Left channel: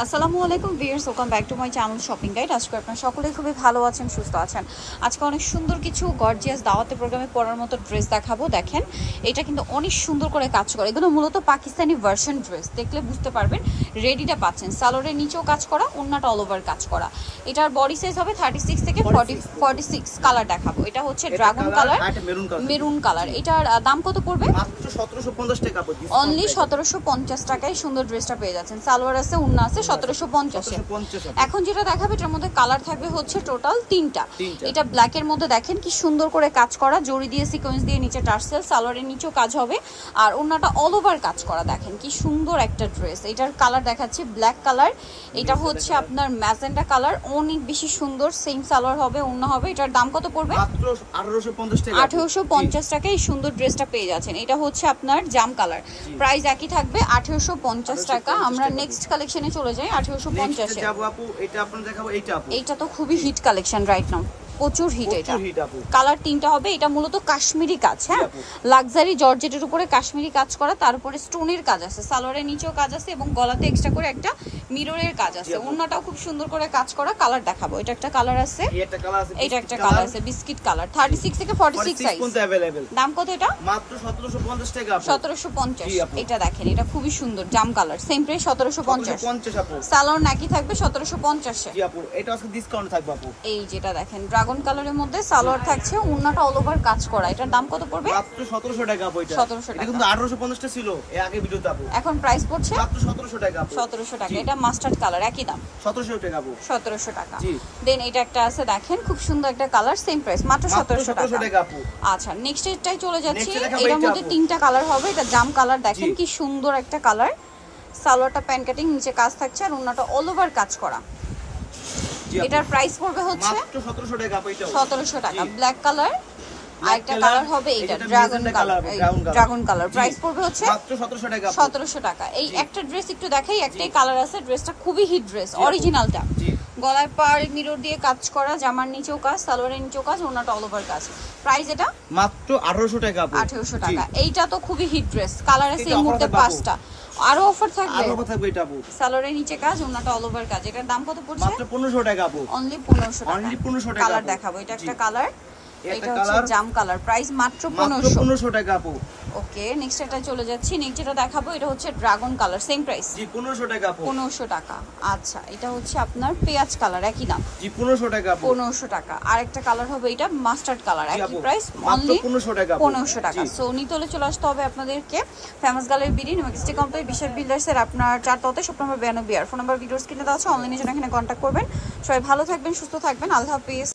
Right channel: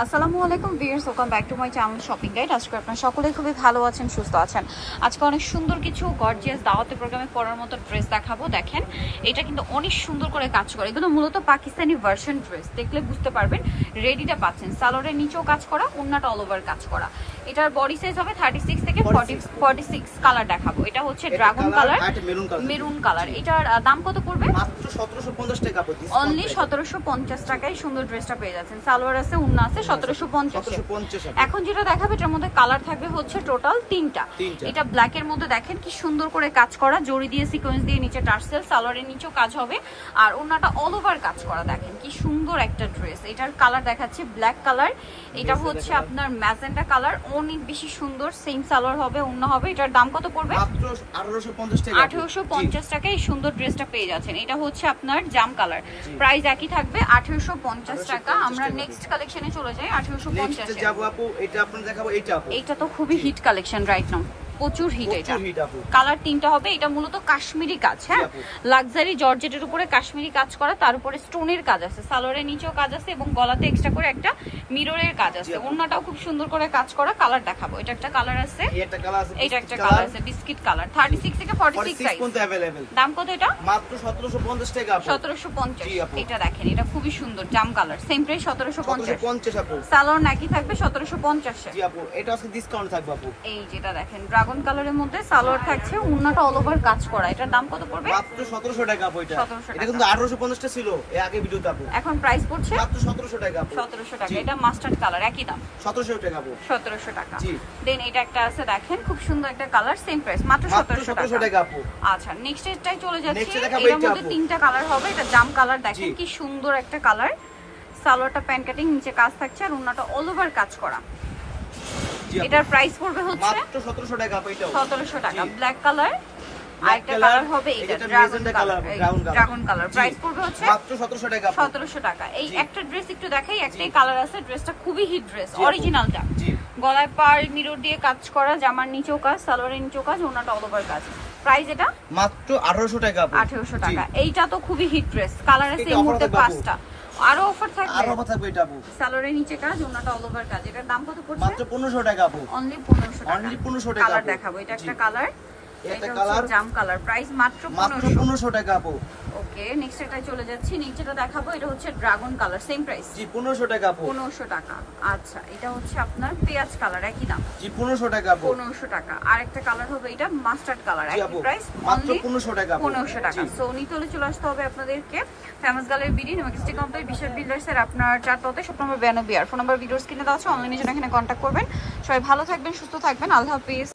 আসসালামু আলাইকুম viewers, welcome back to my channel shopping guide. আজকে আপনারা সকলেই খুবই ভালো আছেন, সুস্থ আছেন। আজকে অনেক সুন্দর কিছু গর্জিয়াস দাওয়াতের প্রোগ্রামে পরার মতো ড্রেস দেখাবো। দেখেন, এটা কিন্তু অনেক সুন্দর করে কাজ করে। এগুলো মূলত পাকিস্তানি ভার্সন ড্রেস, দেখলে বুঝতে পারবেন। রেডিটা পাচ্ছেন, সালোয়ারের নিচেও কাজ করা, ওন্নাটা অল ওভার কাজ করা। এটার বডি সাইজ হবে 36 থেকে 46। কালার দেখাবো। এটা হচ্ছে ড্রাগন কালার, মেরুন কালার। এটার দাম কত পড়বে? মাত্র 1750 টাকা। অনলি 1750 টাকায় সুন্দর ড্রেসটা পেয়ে যাচ্ছেন। সালোয়ার আছে, ওন্না আছে 1750। এখন যেটা দেখাবে এটার মধ্যে কালার থাকবে হচ্ছে টোটাল তিনটা। এটা ব্ল্যাক এর মধ্যে দেখেন কি সুন্দর করে কাজ করা, জড়ি দিয়ে সিকোয়েন্স দিয়ে নিচে টার্সেল, সালোয়ারের নিচেও কাজ হবে আর ওন্নাটা অল ওভার কাজ করা। দেখেন কি সুন্দর একটা ড্রেস। এটার কালার দেখাচ্ছে ব্ল্যাক কালার, এটা হচ্ছে আপনার ম্যাজেন্টা কালার, অনেক বেশি সুন্দর। সেম সালোয়ার হবে, ওন্না হবে। এটার দাম কত পড়বে? মাত্র 1850 টাকা। 1850 টাকায় এই সুন্দর ড্রেসটা পেয়ে যাচ্ছেন। এটা হচ্ছে আপনার জাম কালার, প্রাইস একই থাকবে 1850 টাকা। আমরা নেক্সট কালেকশনে চলে যাই। 1850 এ যাব আপু। এটা আপনাদের দেখাবো। এইটা তো খুবই হিট কালেকশন রাইট নাও, প্রচুর হিট। এটা কালার তিনটা হবে। এটা মূলত কাশ্মীরি কাজ, হ্যাঁ, লাক্সারি জর্জেটের উপরে কাশ্মীরি কাজ করা, তার উপরে স্টোনের কাজ আছে, সালোয়ারের নিচেও কাজ আছে এবং গলাতে এক্সট্রা করে একটা মিররের কাজ আছে। ওন্নাটাও খুব সুন্দর করে কাজ করা। কালার দেখাবো। এটা একটা কালার আছে, এটা একটা কালার আছে বিস্কিট কালার, 36 থেকে 46 সাইজ। দাম কত এটা? মাত্র 1750 টাকা। 1750। এটা দেখেন, এটা খুবই সুন্দর জাম কালার, সেম প্রাইস 1750 আপু। সালোয়ার নাকি থাকবে 1750 এ। জি আপু, এটা আজকে ডিসকাউন্ট থাকবে আপু। এই যেটা দেখেন ড্রাগন কালারের মধ্যে সালোয়ার থাকছে, ওন্নাটা অল ওভার কাজ করা। এটার দাম কত পড়বে? মাত্র 1700 টাকা আপু। এটা 1700 টাকা। এটা কিন্তু 1850 টা ছিল এই আগে ভিডিওতে আপু। এখন প্রাইস পড়ছে মাত্র 1700 টাকা আপু। 1700 টাকা। এটা মাস্টার্ড কালার, একই দাম 1700 টাকা আপু। 1700 টাকা। জি। দেন এটা একটা আছে দেখেন, খুব সুন্দর একটা কালার, সেম প্রাইস মাত্র 1700 টাকা আপু। আচ্ছা, নেক্সট এটাই চলে যাচ্ছি। এর মধ্যে তিনটা কালার হবে। এটা জাম কালার, দেখেন কি সুন্দর একটা কালার। সালোয়ারটা প্যান্ট কাটিং, নিচে কাজ থাকছে আর ওন্নাটা অল ওভার কাজ করা। এটার প্রাইস পড়বে হচ্ছে মাত্র 1700 টাকা আপু। এটা 1700 টাকা। ব্ল্যাক কালার আরেকটা কালার হবে, এটা dragon colour, dragon colour. Price পড়বে হচ্ছে মাত্র 1700 টাকা। 1700 টাকা। এই একটা ড্রেস একটু দেখাই, একটাই কালার আছে। ড্রেসটা খুবই হিট ড্রেস, অরিজিনালটা। গলায় পাড় মিরর দিয়ে কাজ করা, জামার নিচেও কাজ, সালোয়ারের নিচেও কাজ, ওন্নাটা অল ওভার কাজ। প্রাইস এটা মাত্র 1800 টাকা আপু। 1800 টাকা। এইটা তো খুবই হিট ড্রেস, কালার আছে এই মুহূর্তে 5টা। আরো অফার থাকবে, আরো অফার থাকবে। এটা আপু সালোয়ারের নিচে কাজ, ওন্নাটা অল ওভার কাজ। এটার দাম কত পড়ছে? মাত্র 1500 টাকা আপু। অনলি 1500 টাকা। অনলি 1500 টাকা। কালার দেখাবো। এটা একটা কালার, এটা হচ্ছে জাম কালার, প্রাইস মাত্র 1500 টাকা আপু। ওকে, নেক্সট এটাই চলে যাচ্ছি। নেক্সট যেটা দেখাবো এটা হচ্ছে ড্রাগন কালার, সেম প্রাইস। জি 1500 টাকা আপু। 1500 টাকা। আচ্ছা, এটা হচ্ছে আপনার পেঁয়াজ কালার, একই দাম। জি 1500 টাকা আপু। 1500 টাকা। আরেকটা কালার হবে এটা মাস্টার্ড কালার, একই প্রাইস, মাত্র অনলি 1500 টাকা। 1500 টাকা। সো নিতে হলে চলে আসতে হবে আপনাদেরকে famous gallery BD majestic complex বিশাল বিল্ডার্সের আপনার 4 তলাতে, শপ নম্বর 92। আর ফোন নাম্বার ভিডিওস কিনে দেওয়া আছে, অনলাইনে জন্য এখানে কন্ট্যাক্ট করবেন। সবাই ভালো থাকবেন, সুস্থ থাকবেন, আল্লাহ হাফেজ।